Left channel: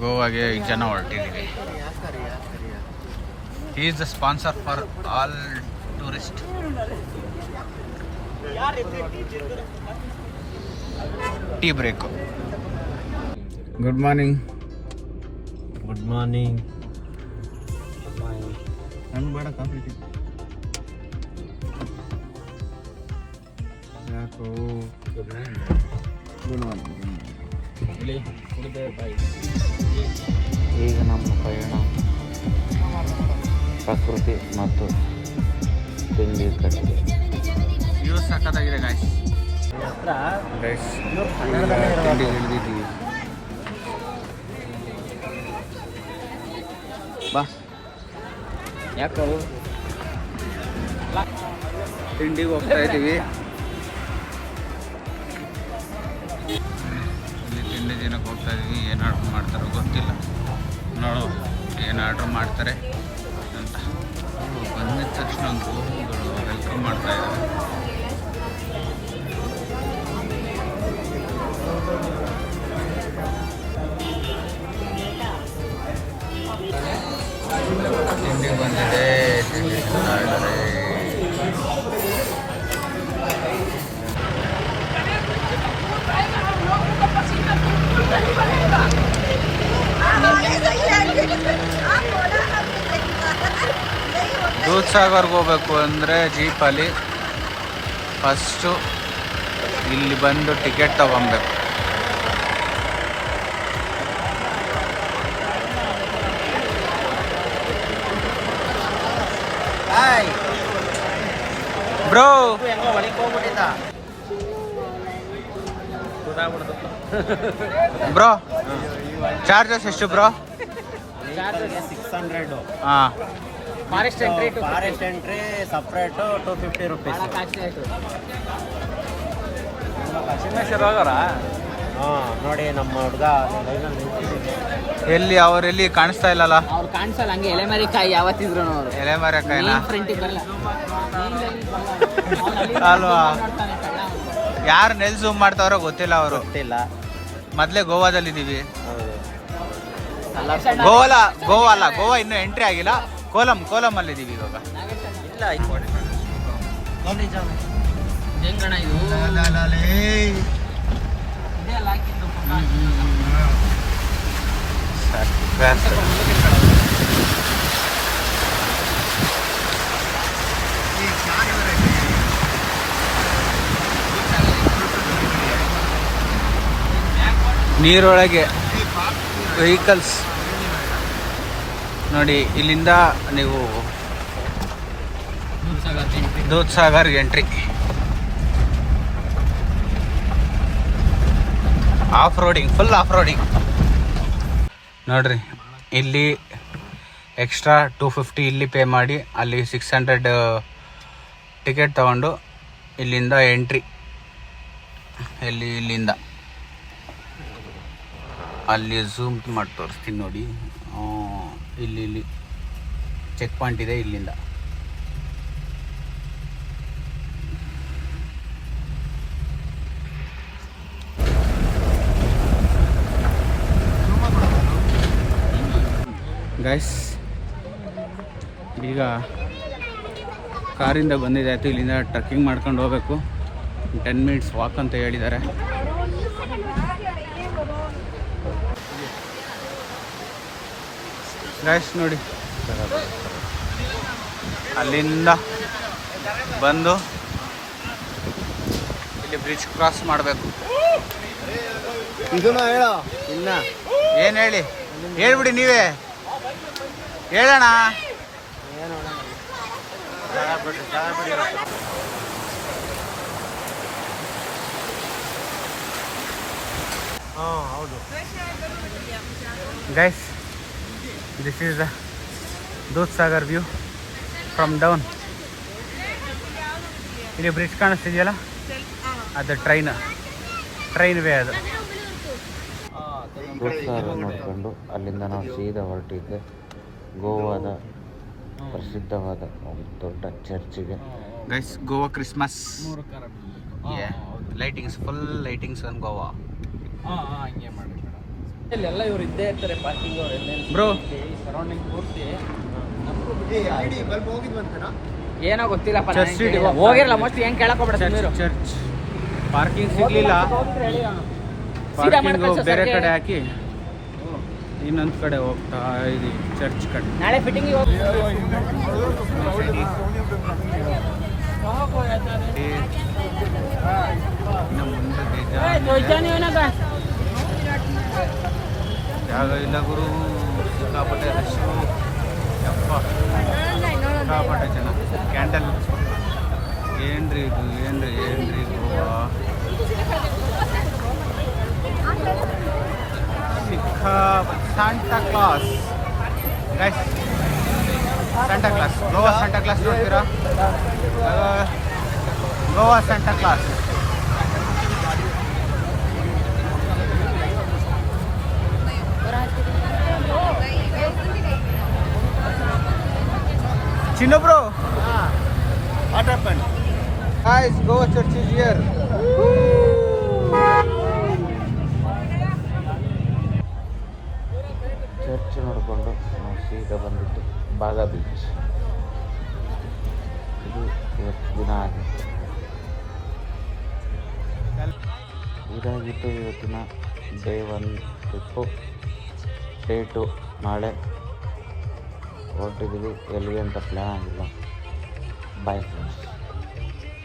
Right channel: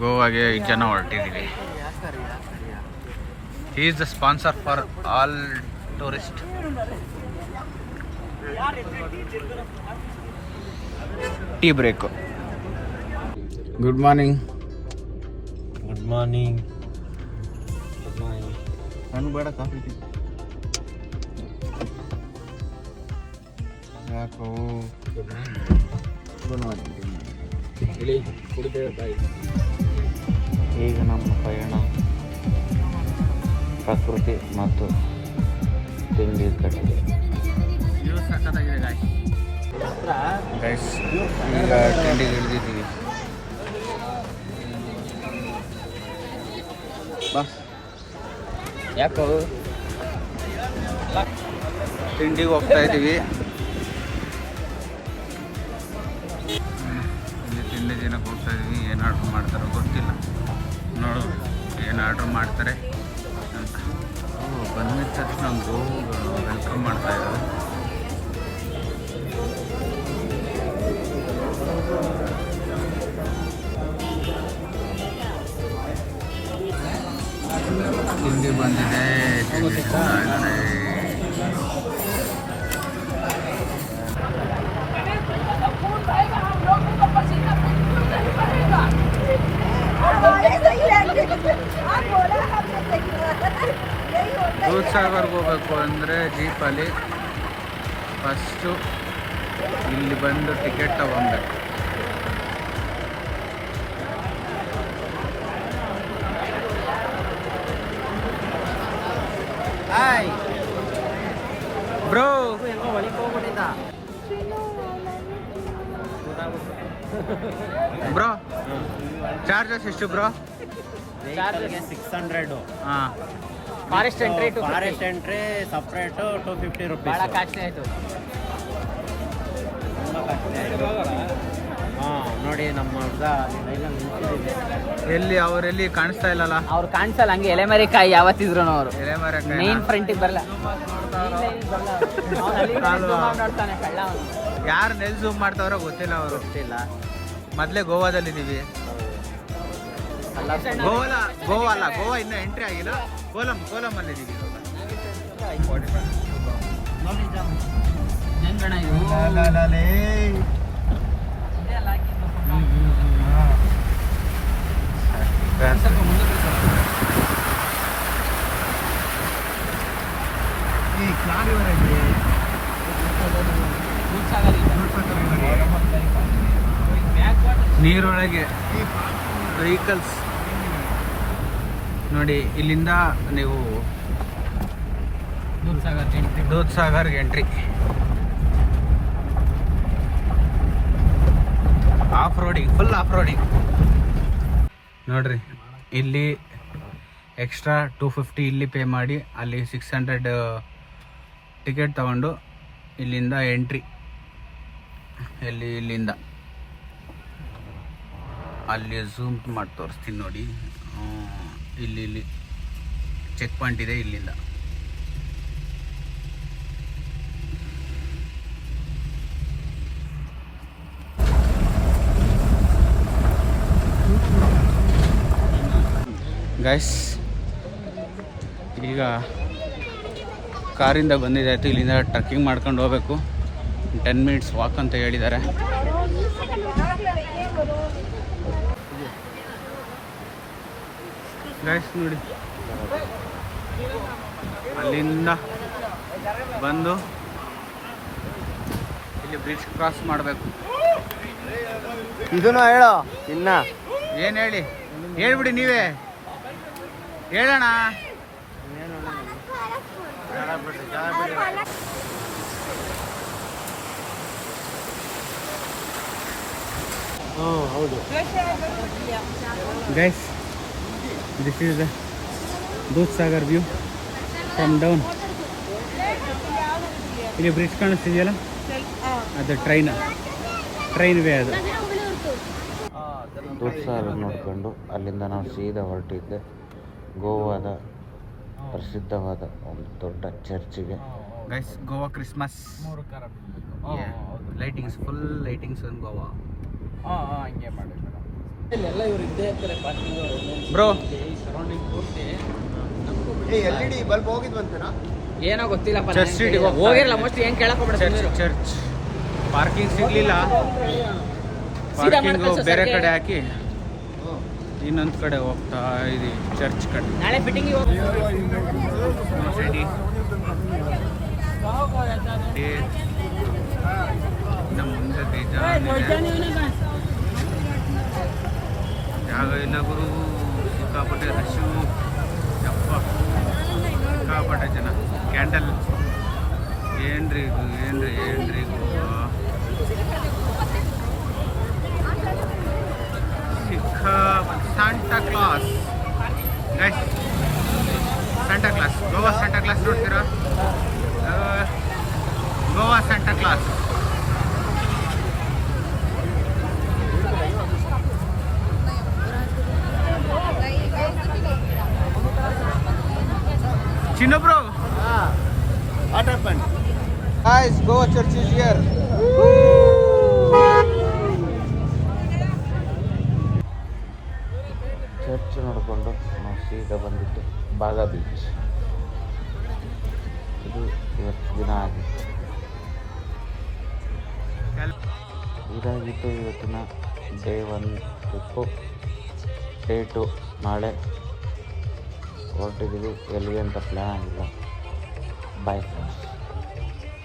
ಗೋವಾಗೆ ಜನ ಹೊರಟಿದ್ದೀವಿ. He is the sponsor for all tourist. Tea break. Good morning. Good morning. ಒಂದು ಬೇಡ coffee ಯಾಕೋ ಹೇಳಿ ಕುಡಿದೆ ಬಾಯ್. ಈಗ ನಮ್ಮ ಪಯಣ ಪ್ರಕೃತಿ ಮತ್ತು ತಿಂಡಿ ಕಡೆಗೆ. ವ್ಯೂ ಸಖತ್ತಾಗಿದೆ ಗೈಸ್. ಈಗ ತಿಂಡಿಗೆ ಇಳಿದಿದ್ದೀವಿ. ಬಸ್ ಯಾಕೆ ತಿಂಡಿಗೆ ಹೋಗ್ತಾ ಇದ್ದೀವಿ. ಇಲ್ಲಿ ತಿಂಡಿ ದಿನಕ್ಕೆ ಹೋಗ್ತಾ ಇದ್ದೀವಿ. ಏನು ಆರ್ಡ್ರ್ ಮಾಡ್ತಾರೋ ಗೊತ್ತಿಲ್ಲ. ನೋಡು ಏನು ಆರ್ಡ್ರ್ ಮಾಡ್ತಾರೆ ಅಂತ. ಬಂದಿದ ತಕ್ಷಣ ಗೋವುಗಳು ವೆಲ್ಕಮ್ ಮಾಡ್ತಾ ಇದ್ದಾರೆ. ತಿಂಡಿ ಬಂದಿದೆ. ದೂದ್ ಸಾಗರ್ಗೆ ಹೋಗ್ಬೇಕು ಅಂದರೆ ಜೀಪಲ್ಲಿ ಫಸ್ಟು ಇಲ್ಲಿ ಬಂದು ಟಿಕೆಟ್ ತಗೊಬೇಕು. ಬ್ರೋ ಬ್ರೋ ಚಾರ್ಜಸ್ ಎಷ್ಟು ಬ್ರೋ? ವೆಹಿಕಲ್ಗೆ 600. ಹಾಂ. Forest entry separate 250 rupees. ಹಾಂ ನೋಡಿ ನಮ್ಮ ಹುಡುಗ ಎಲ್ಲಿ ಅವರೆಲ್ಲಿ ಕಾಣಿಸ್ತಾ ಇಲ್ಲಲ್ಲ? ಅವ್ರು ಕಾಣಿಸಲ್ಲ. ಹಂಗೆ ಎಲೆಮರೆಕಾಯಿ ಯಾವತ್ತಿದ್ರು ಅವರು ಎಲೆಮರೆಕಾಯಿನ ಫ್ರಂಟಿಗೆ ಬರಲ್ಲ ಅಲ್ವಾ? ಯಾರು ನೆಲ್ ಝೂಮ್ ಮಾಡ್ತಾವ್ರೋ ಗೊತ್ತಿಲ್ಲ. ಅವರು ಮೊದಲೇ ಗೋವಾದಲ್ಲಿದ್ದೀವಿ. ಗೋವಾ ಅಲ್ಲ, ಗೋವಾ ಇನ್ನೂ ಎಂಟ್ರಿ ಆಗಿಲ್ಲ. ಕೋಲಂ ಅಲ್ಲಿದ್ದೀವಿ ಇವಾಗ. ನೀರೊಳಗೆ ವೆಹಿಕಲ್ಸ್ ನೋಡಿ. ಇಲ್ಲಿಂದ ನೀವು ದೂದ್ ಸಾಗರ್ಗೆ ಎಂಟ್ರಿ. ಫುಲ್ ಆಫ್ ರೋಡಿಂಗ್ ನೋಡ್ರಿ. ಇಲ್ಲಿ ಎಕ್ಸ್ಟ್ರಾ 250 ಇಲ್ಲಿ ಪೇ ಮಾಡಿ ಅಲ್ಲಿ 600 ಟಿಕೆಟ್ ತಗೊಂಡು ಇಲ್ಲಿಂದ ಎಂಟ್ರಿ. ಇಲ್ಲಿಂದ ಅಲ್ಲಿ ಝೂಮ್ ಮಾಡಿ ತೋರಿಸ್ತೀನಿ ನೋಡಿ. ಇಲ್ಲಿ ಚೆಕ್ ಪಾಯಿಂಟ್ ಇದೆ. ಇಲ್ಲಿಂದ ಗೈಸ್ ಈಗ ಕಾರಿಂದ ಬಂದಿದ್ದಾಯಿತು. ಇಲ್ಲಿಂದ ಟ್ರಕ್ಕಿಂಗ್ ಮಾಡ್ಕೊಂಡು ಹೋಗಬೇಕು. 10 ಮಿನಿಟ್ಸ್ ವಾಕ್ ಅಂತ ಹೇಳಿದ್ದಾರೆ. ಗೈಸ್ ನೋಡಿ, ಅಲ್ಲಿಂದ ಬಂದು ಇಲ್ಲಿ ಬ್ರಿಡ್ಜ್ ಕ್ರಾಸ್ ಮಾಡಬೇಕು. ಇದನ್ನ ಹೇಳೋ ಇನ್ನ ಏನು ಹೇಳ್ಬಿಡಿ ನೀವೇ ಹೇಳೋಣ. ಏನು ಜಾಗ ಬಿಡಿ. ಹಾಂ ಹೌದು guys, this is the Dudhsagar view from down. ಇಲ್ಲಿ ಬ್ರಿಡ್ಜ್ ಕಾಣಿಸ್ತಿದೆಯಲ್ಲ, ಅದು ಟ್ರೈನ್ ವೇ. ಅದು ದೂದ್ ಸಾಗರ್ ನೋಡ್ಕೊಂಡು ಅಲ್ಲಿಂದ ನಾವು ಸೀದಾ ಹೊರಟಿದ್ದೆ ಗೋವಾದ ಪ್ರಸಿದ್ಧವಾದ ಒಂದು ದೊಡ್ಡ ಚರ್ಚಿಗೆ. Guys, Goa Christmas lightings, full lightings on Goa. ಇಲ್ಲೆಲ್ಲ ಇವ್ರು ಇದ್ದೇ ಇರ್ತಾರೆ ಪಾರ್ಕಿಂಗ್ ಬ್ರೋ ಸರೌಂಡಿಂಗ್ ಪೂರ್ತಿ ಬಲ್ಬ್ ಹೋಗಿದ್ವಂತೇನಾ? ಏನೋ ಗೊತ್ತಿಲ್ಲಪ್ಪ ಚರ್ಚ್ ಸ್ಟ್ರೀಟಿಗೆ ಹೋಗಿರಲ್ಲ ಮೋಸ್ಟ್ ಏನ್ ಕೇಳಕ್ ಚರ್ಚ್ ಪಾರ್ಕಿಂಗ್ ಸಿಗ್ಲಿಲ್ಲ. ಪಾರ್ಕಿಂಗು ಬೇರೆ ಕಡೆ ಹಾಕಿ ಇನ್ನೊಂದು ಕಡೆ ಹೋಗ್ತಾ ಇದೀವಿ, ಚರ್ಚ್ ಕಡೆ. ನಾಳೆ ಫಿಟ್ಟಿಂಗ್ ಇನ್ನು ಮುಂದೆ ಜಾಗ ಇಲ್ಲ ಗುರು, ಸಿಕ್ಕಾಪಟ್ಟೆ ರಶ್ಶು, ಯಪ್ಪ ಸಿಕ್ಕಾಪಟ್ಟೆ ಜನ. ಕ್ಯಾಂಡಲ್ ಏನ್ರಿ ಇದು, ಏನ್ರಿ ಗೋವಾ ಸಿಕ್ಕಾಪಟ್ಟೆ. Santa Claus guys, Santa Claus, Goa Santa Claus ನೋಡ್ತೀರಾ? Goa Santa Claus. Chino bro. What happened? Guys, Goa church is here. Church ನೋಡಿಕೊಂಡು ನಾವು ಸೀದಾ ಬಂದಿದ್ದು ಬಾಗಾ ಬೀಚ್. ಇದು ಇವತ್ತು ದಿನ ಆಗಿತ್ತು. ಇದಾಗಿತ್ತು ಇವತ್ತಿನ ಡೇ 1 ಟ್ರಿಪ್ಪು. ಡೇ 2 ನಾಳೆ ಹೊರಟಿದ್ದೀವಿ. ಎಲ್ಲಿಗೆ ಅಂತ ಪ್ಲ್ಯಾನ್ ಆಗಿಲ್ಲ. Bye friends.